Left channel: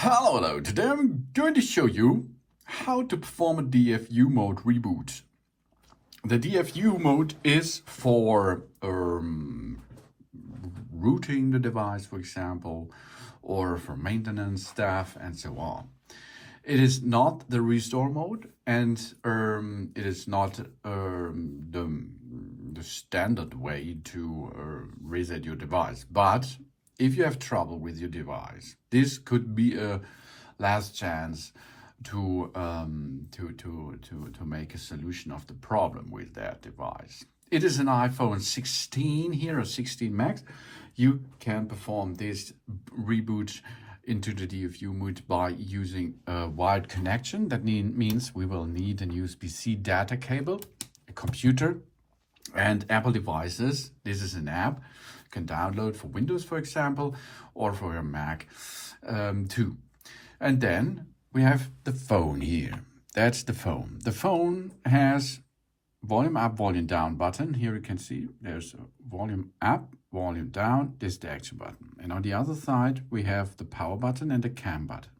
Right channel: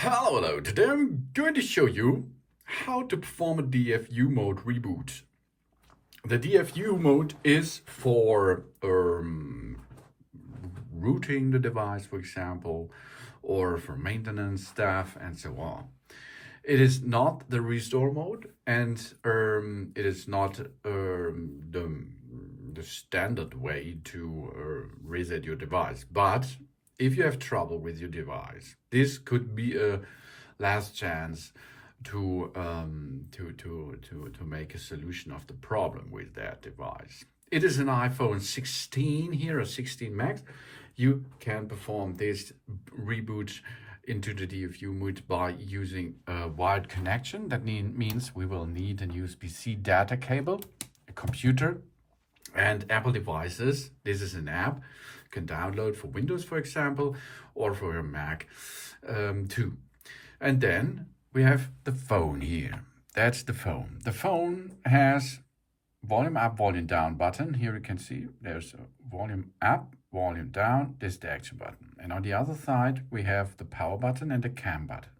Hello, today I'm going to show you how to perform a DFU mode reboot. The DFU mode is for rooting the device, for example, or for maintenance stuff and so on. It is not the restore mode, and it is not the standard way to reset your device. But if you have trouble with your device, this could be a last chance to make a solution of the problem with that device. It is an iPhone 16 here, or 16 Max. You can perform this reboot into the DFU mode by using a wired connection. That means we will need an USB-C data cable, a computer, and Apple devices. This is an app you can download for Windows, for example, or for your Mac too. And then we have the phone here. That's the phone. The phone has volume up, volume down button. Here you can see there's a volume up, volume down. This is the action button. And on the other side, we have the power button and the cam button.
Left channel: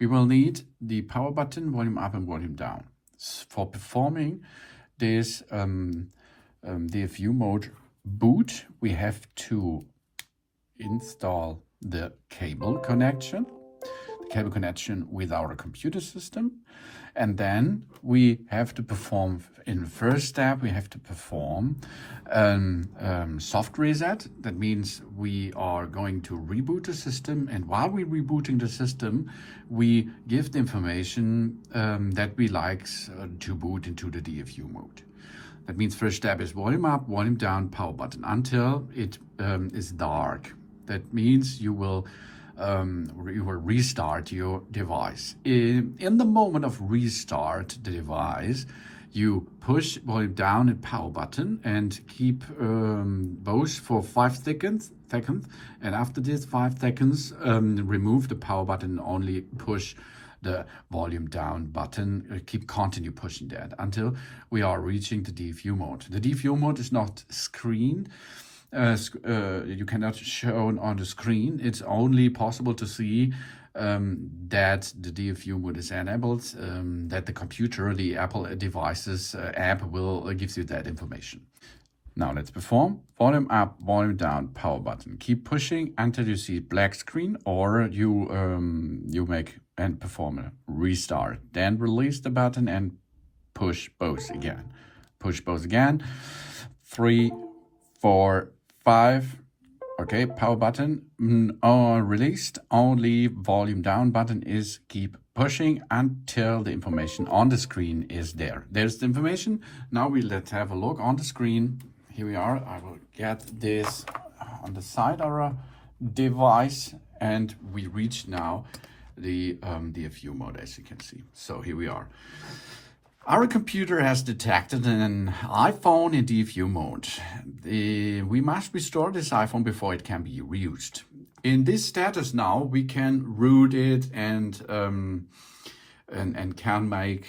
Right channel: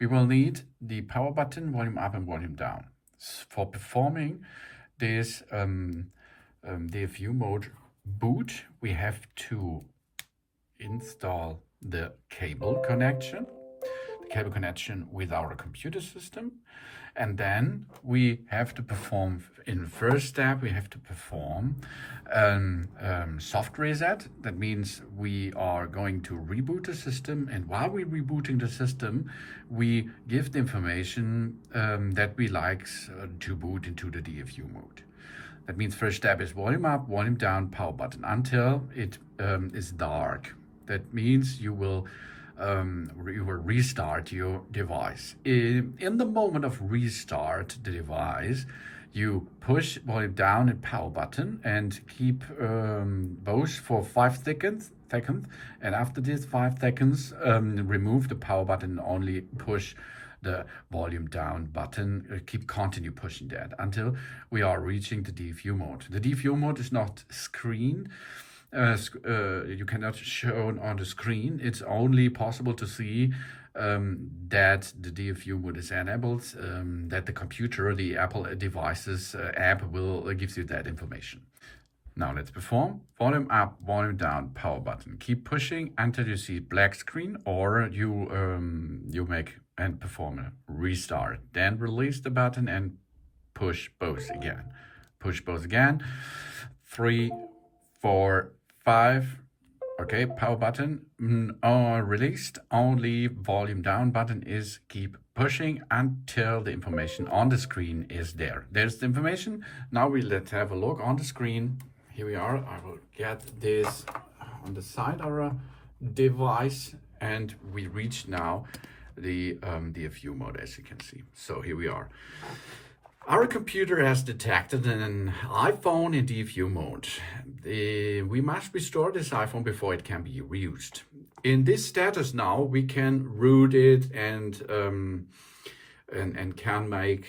We will need the power button, volume up and volume down. For performing this DFU mode boot, we have to install the cable connection with our computer system. And then we have to perform, in the first step, we have to perform soft reset. That means we are going to reboot the system. And while we're rebooting the system, we give the information that we like to boot into the DFU mode. That means first step is volume up, volume down, power button until it is dark. That means you will restart your device. In the moment of restart the device, you push volume down and power button and keep both for 5 seconds. And after this 5 seconds, remove the power button and only push the volume down button. Continue pushing that until we are reaching the DFU mode. The DFU mode is not screened. You cannot show on the screen. It's only possible to see that the DFU mode is enabled, that the computer, the Apple devices app will give you that information. Now let's perform. Volume up, volume down, power button. Keep pushing until you see black screen, or you make and perform a restart. Then release the button and push both again. Push both again. 3, 4, 5. Okay, power button released. Only volume down button is keep pushing until the information on the screen is there. There's the information. Now let's have a look on the screen. Here we are. I will get this on the side of our device, and we reach now the DFU mode, as you can see. So here we are. Our computer has detected an iPhone in DFU mode. We must restore this iPhone before it can be reused. In this status now, we can root it and can make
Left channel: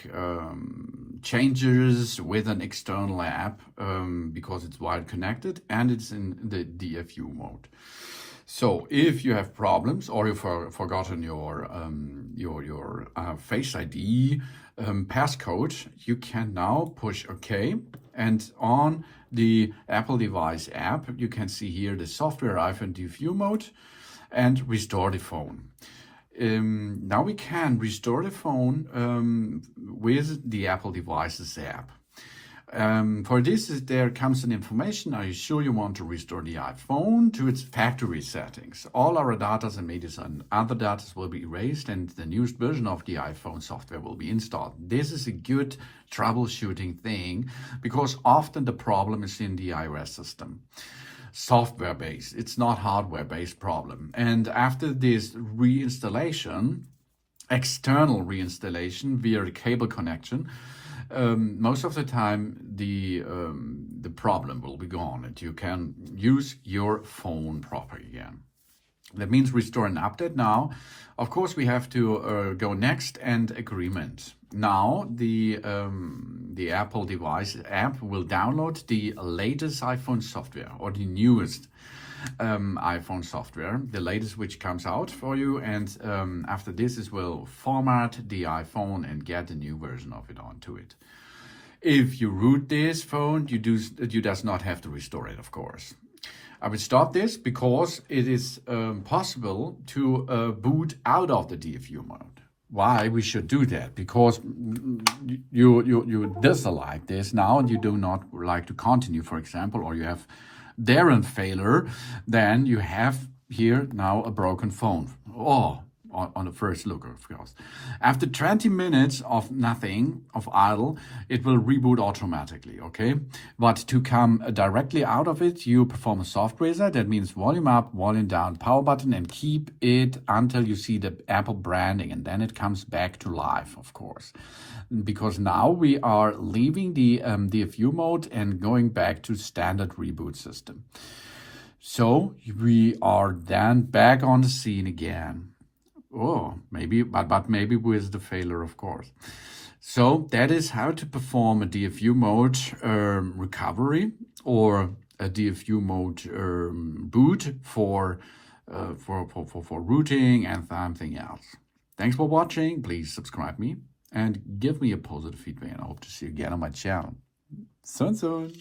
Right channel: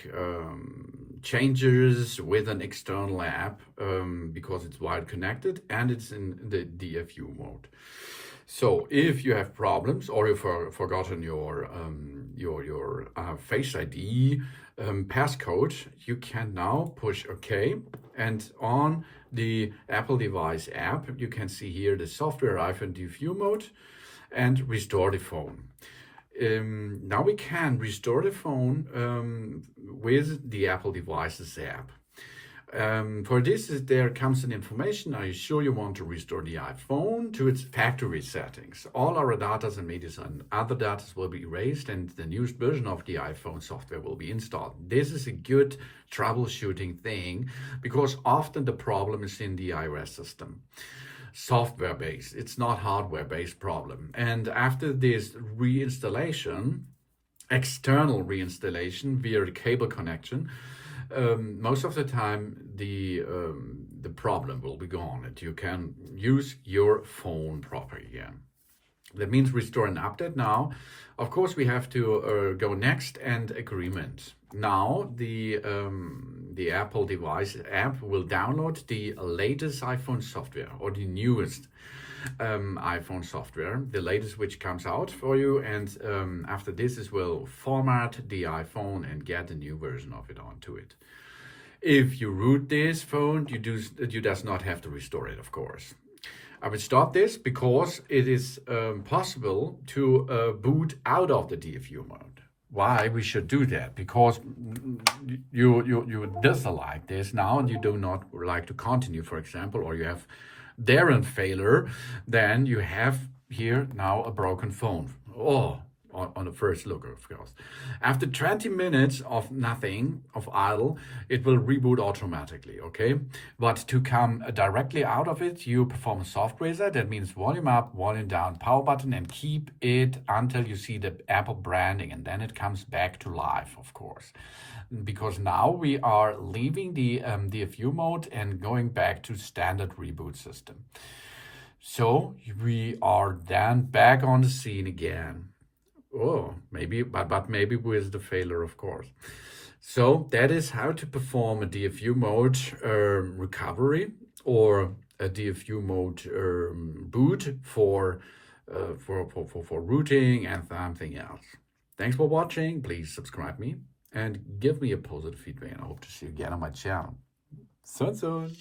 changes with an external app because it's wired connected and it's in the DFU mode. So if you have problems or you've forgotten your Face ID passcode, you can now push OK, and on the Apple device app you can see here the software iPhone DFU mode and restore the phone. Now we can restore the phone with the Apple devices app. For this, there comes an information. Are you sure you want to restore the iPhone to its factory settings? All our data and media and other data will be erased, and the newest version of the iPhone software will be installed. This is a good troubleshooting thing because often the problem is in the iOS system. Software-based, it's not hardware-based problem. And after this reinstallation, external reinstallation via a cable connection, most of the time the problem will be gone and you can use your phone properly again. That means restore and update now. Of course, we have to go next and agreement. Now the Apple device app will download the latest iPhone software or the newest. iPhone software, the latest which comes out for you, and after this it will format the iPhone and get a new version of it onto it. If you root this phone, you does not have to restore it, of course. I will stop this because it is possible to boot out of the DFU mode. Why we should do that? Because you dislike this now and you do not like to continue, for example, or you have Darren failure, then you have here now a broken phone. Oh, on the first look, of course. After 20 minutes of nothing, of idle, it will reboot automatically, okay? But to come directly out of it, you perform a soft reset. That means volume up, volume down, power button, and keep it until you see the Apple branding, and then it comes back to life, of course. Because now we are leaving the DFU mode and going back to standard reboot system. So we are then back on the scene again. Oh, maybe, but maybe with the failure, of course. So that is how to perform a DFU mode recovery or a DFU mode boot for routing and something else. Thanks for watching. Please subscribe me and give me a positive feedback. And I hope to see you again on my channel. Soon.